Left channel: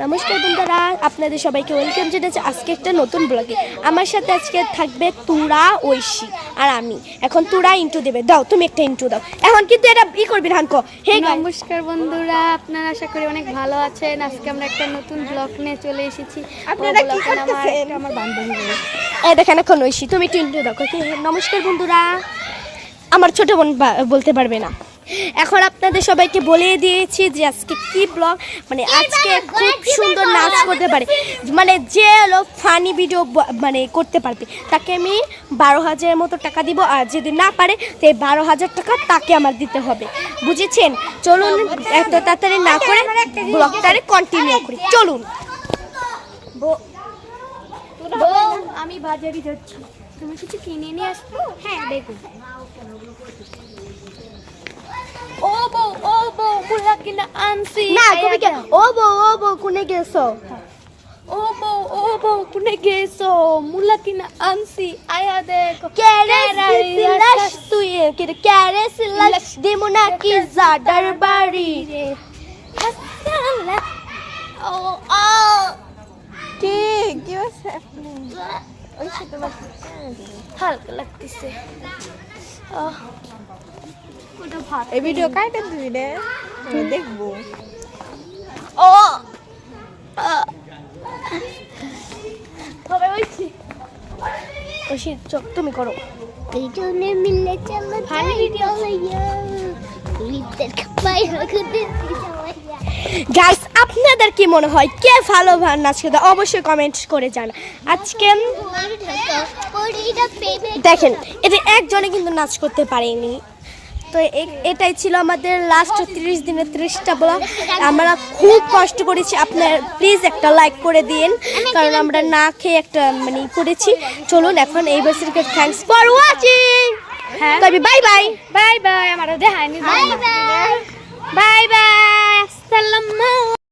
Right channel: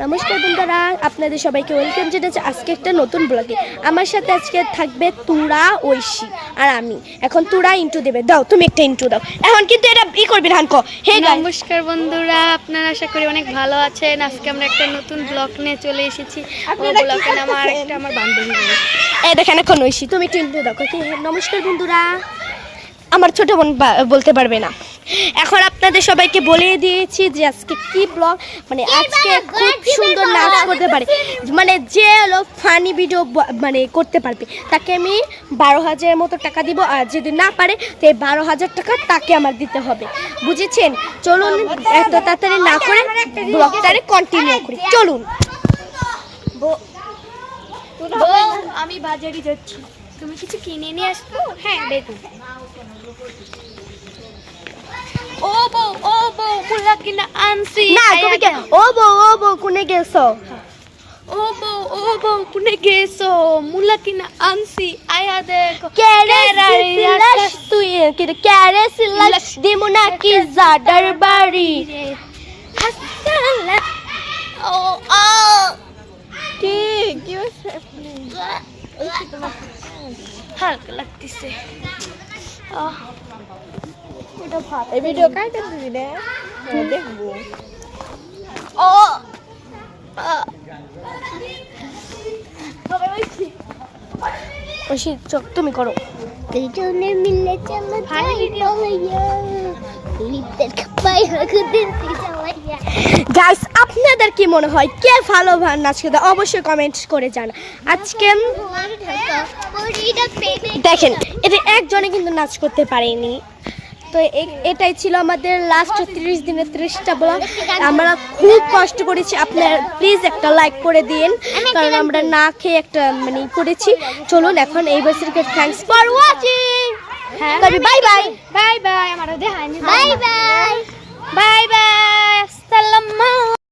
নমস্কার বন্ধুরা, আপনাদের সবাইকে ওয়েলকাম জানাচ্ছি আজকে একটা নতুন ব্লগে। আমার সাথে আজকে থাকবে তুরা, ঐশী আর আমি। এখন তুরা ইন্ট্রো দেবে, দাও তুমি একটা ইন্ট্রো দাও এখন, কিন্তু এটা ই করবি না। হে নমস্কার বন্ধুরা, আপনারা আশা করি অনেক ভালো আছেন। আজকে আমরা একটা নতুন ব্লগ নিয়ে চলে এসেছি। আমার বান্ধবী এই দেখেন এখন ঐশী তুমি একটু ইন্ট্রো দাও। নমস্কার বন্ধুরা, আমার ছোট বোন বলতে পারবে না। এখন আপনাদের সবাইকে বলে দিয়েছি যে আজকে কি ব্লগ, মানে আজকে খুব সুন্দর নাচ করতে পারে, মানে যে হলো ফানি ভিডিও মানে করতে পারবে তাকে আমি 12,000 মতো টাকা দিব, আর যদি না পারে তো এই 12,000 টাকা তাকে আমার দিতে হবে, বুঝেছেন? চলুন এত তাড়াতাড়ি না করে ব্লগটারে কন্টিনিউ করি, চলুন। আমি বাজারে যাচ্ছি, তুমি কিছু কিনে নিয়ে আসবো? হ্যাঁ দেখো। ও বউ মুলা কিনা আনছি। না তুমি কে ও বউ কোনে গেছো? ও বউ কোনে গেছো? মুলা কিনা আনছি, আয়া দেখো। তুই ক্যারে সিলাস দিমুনা কি জাডার বাড়ি রে হাসালা। ও ঠিক কি হচ্ছে? হালকা লাগতেছে। এই ভিডিও কাইটা দিবি না, দেখবো। ও ঐশী চোখ তুমি করো। দুজনে মিলে চলো যাই পালাইয়া লিপস্টিক পাই হকুদের পিছাইয়া। গাইস আপনাদের কি মনে হয় কে ভালো নাচ করতে, অবশ্যই কমেন্ট করে জানা। আজকে দেখেন এটা একজনে কিন্তু নাচ করতে পারেনি, তো এটাই ছিল আমাদের লাস্ট 30 দিনের 30টা ব্লগ। আমরা খুব কষ্ট করেছি, আপনার প্লিজ একটা লাইক করে দিন, কারণ আমরা না খেয়ে একটা মানে করেছি। চলুন এখন এই বছরকে থ্যাঙ্কস ফর ওয়াচিং। হ্যাঁ তবে বাই বাই বাই বাই। আমারও দেখায়নি। Bye bye. বাই বাই, আসসালামু